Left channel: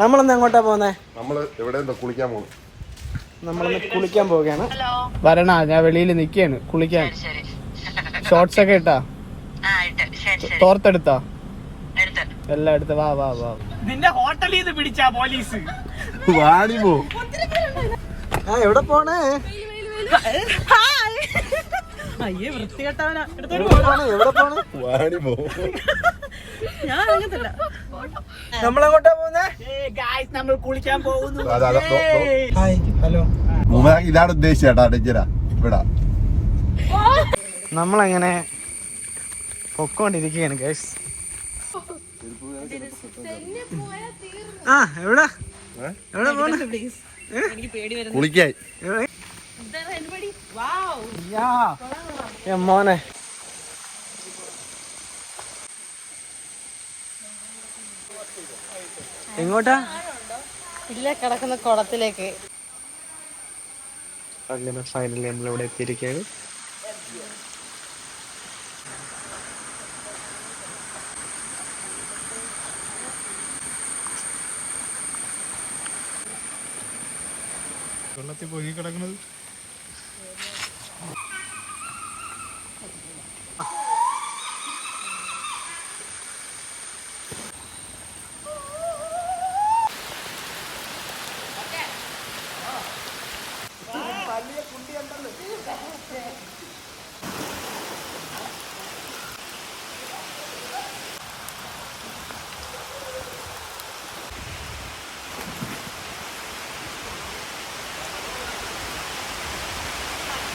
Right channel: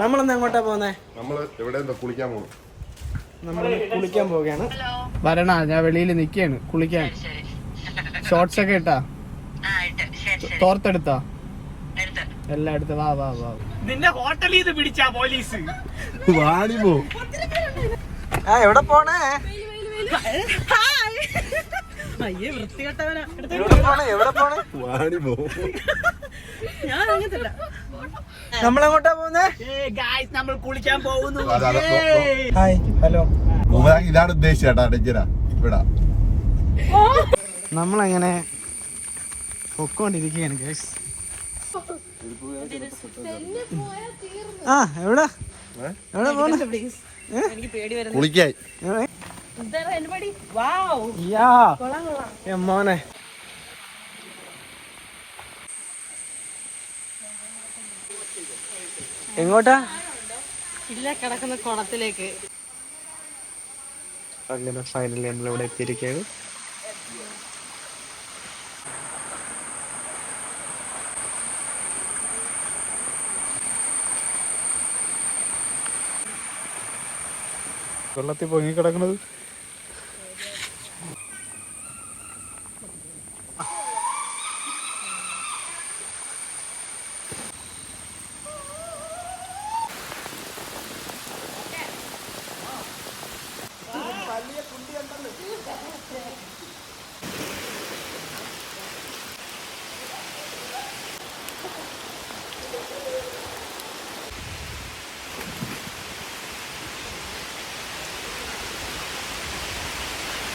നമ്മളൊന്ന് എങ്ങോട്ടാ പോകുന്നേ? നമ്മള് എവിടെ കുളിക്കാൻ പോകും. നമ്മളൊന്ന് കുളിക്കാൻ പോവുകയാണ്. വരണ, ഞാൻ വെളിയിൽ നിക്കാണ് കുളിക്കാൻ. ഷോർട്സ് ഒക്കെ ഇട്ടാ, തോർത്തെടുത്താ, എല്ലാം എടുത്ത്. വാ വാ വാ. നിന്റെ ഹോട്ടലിൽ നിന്ന് പിടിച്ചാ പോലീസ്. വാടി പോ. എവിടെ പോണേ? അയ്യേ വൃത്തികെട്ടവനാ. എവിടെ പോണേ? വാടി പോ. ഞാൻ അങ്ങനല്ല. നമ്മളെങ്ങോട്ടാ പോകുന്നേ? നമ്മൾ കുളിക്കാൻ പോകുന്നു. Hi, hello. ഇതാണ് ഉദ്ദേശിച്ചേട്ടാ ഡേഞ്ചറാ ഇവിടെ. നമ്മളങ്ങനെ പൊക്കോണ്ടിരിക്കുകയാണ് ഗൈസ്. എവിടെ എവിടെ പോണ? കുളിക്കായി മോനെ. എങ്ങോട്ടാ? ഇല്ല, കിടക്കുന്ന കുളത്തിലേക്ക്. അങ്ങനെ ഫൈനലി നമ്മളിവിടെ എത്തിയിരിക്കുകയാണ്. വെള്ളത്തിൽ പൊങ്ങി കിടക്കുന്നത്